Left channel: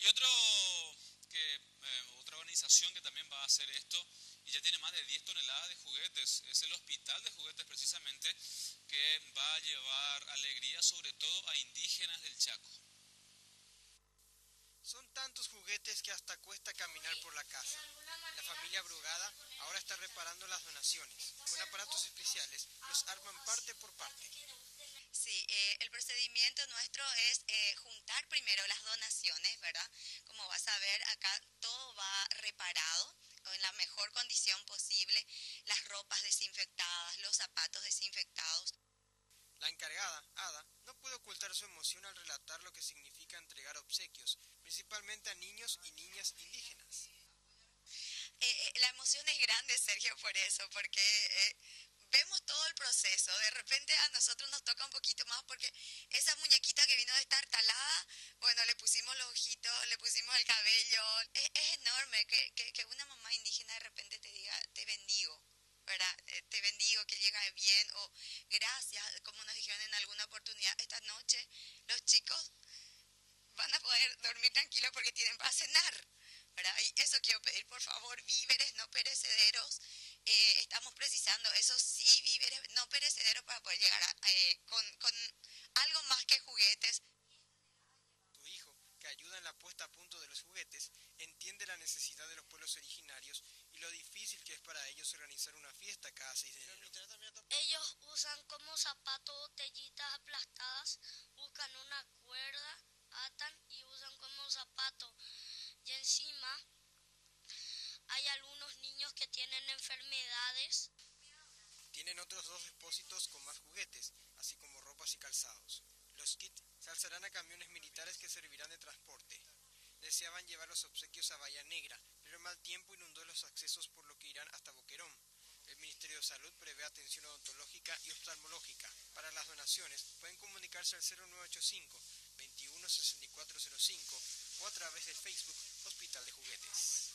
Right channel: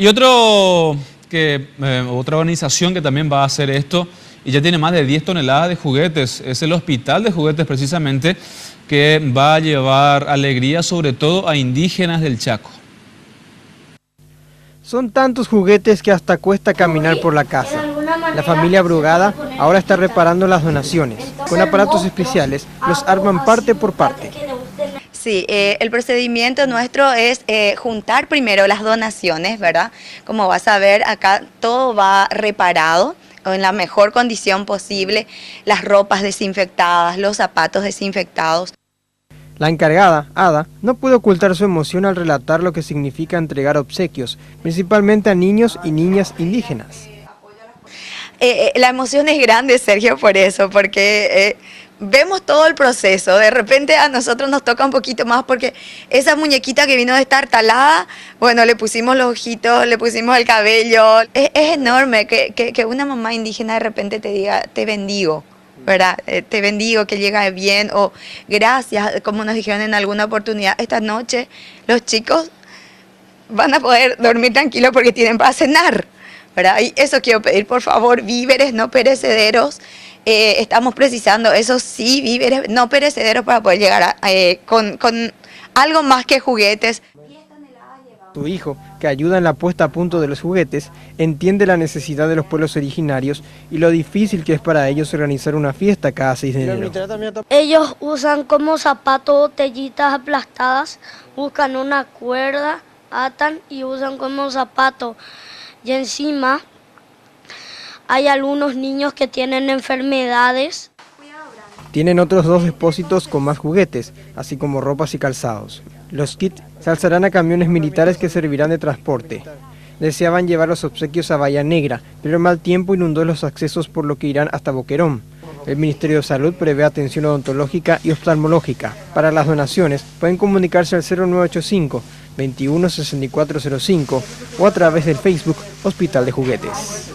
Y otra organización que también va a hacer esto, y ya tiene más de 10 toneladas de juguetes, es el Hospital de Juguetes precisamente, que va a llevar alegría sobre todo a indígenas del Chaco. Son tantos juguetes que hasta cuesta caminar por la casa. La familia Brugada ahora está reparando las donaciones. Con aparatos especiales los arman parte por parte. Sí, el procedimiento nuestro es juntar primero las donaciones, ¿verdad? Como vas a ver, acá todo va reparado en la mejor condición posible, las ropas desinfectadas, los zapatos desinfectados. La encargada, Ada, no pudo ocultar su emoción al relatar lo que significa entregar obsequios, principalmente a niños y niñas indígenas. La emoción es grande, Sergio, por eso, porque vemos todo el proceso. De repente a nosotros nos toca un poquito más porque esa muñequita que vino destartalada, bueno, le pusimos los ojitos, le pusimos el cabello. Es enorme que una mamá indígena de repente te diga, te bendigo, ¿verdad? Te bendigo, que llegue bien, o gracias, como nos dijeron en alguna oportunidad, esta noche los chicos van a poder dormir tranquilos porque tienen para cenar, ¿verdad? Y eso quiero pedir, por favor, víveres no perecederos. Estamos precisando, eso sí, víveres no perecederos para poder llegar con algo más que juguetes. Tu hijo, que ayuda en la puesta a punto de los juguetes, entiende la necesidad de los pueblos originarios y lo difícil que es para ellos organizar una fiesta cada 6 de enero. Ellos usan como zapatos botellitas aplastadas, buscan una cuerda, atan y usan como zapato. Y encima hay algunos niños que tienen enfermedades. Tienen otros 2 depósitos con más juguetes, así como ropas y calzados. Los kits se alzarán a camiones militares que servirán de transporte. Deseaban llevar los obsequios a Bahía Negra, pero el mal tiempo inundó los accesos, por lo que irán hasta Boquerón. El Ministerio de Salud prevé atención odontológica y oftalmológica. Para las donaciones pueden comunicarse al 0985 21 6405 o a través del Facebook Hospital de Juguetes.